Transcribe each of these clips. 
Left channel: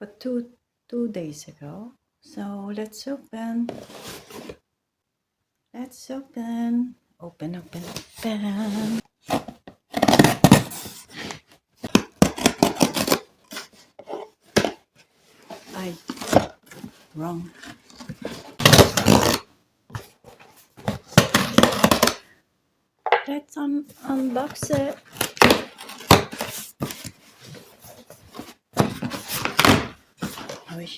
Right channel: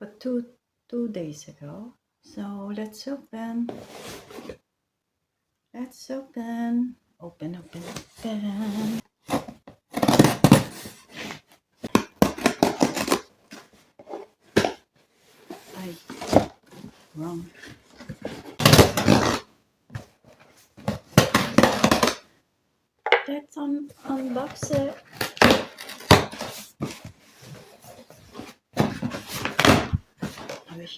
but two days ago. So let's open. Let's open. Open. I wrong. Let's unbox it. Oi.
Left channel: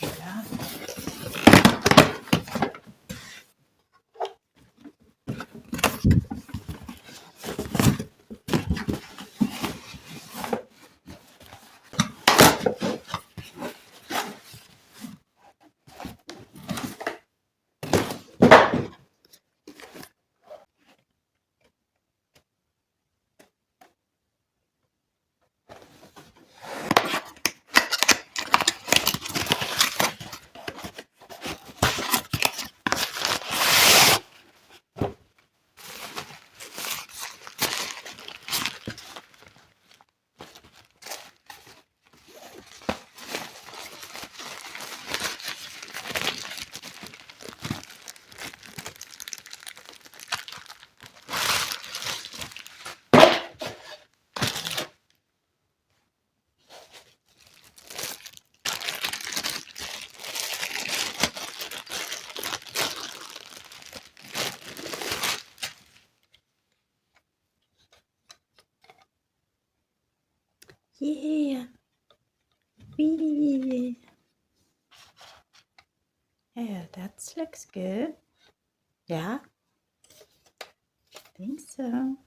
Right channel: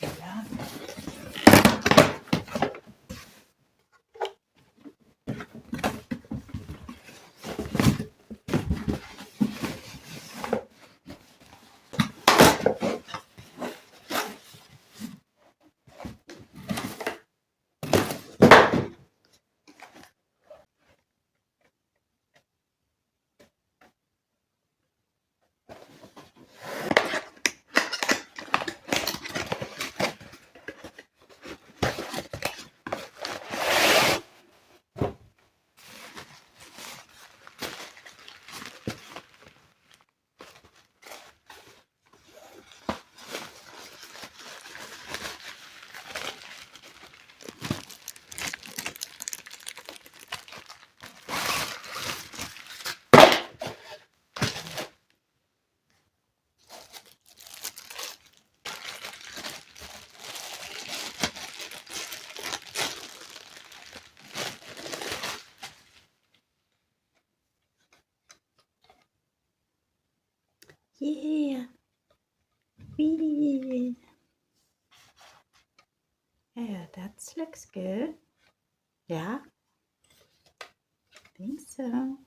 Ja. Yeah. Wee. Yeah, that looks good. Yeah. Think so.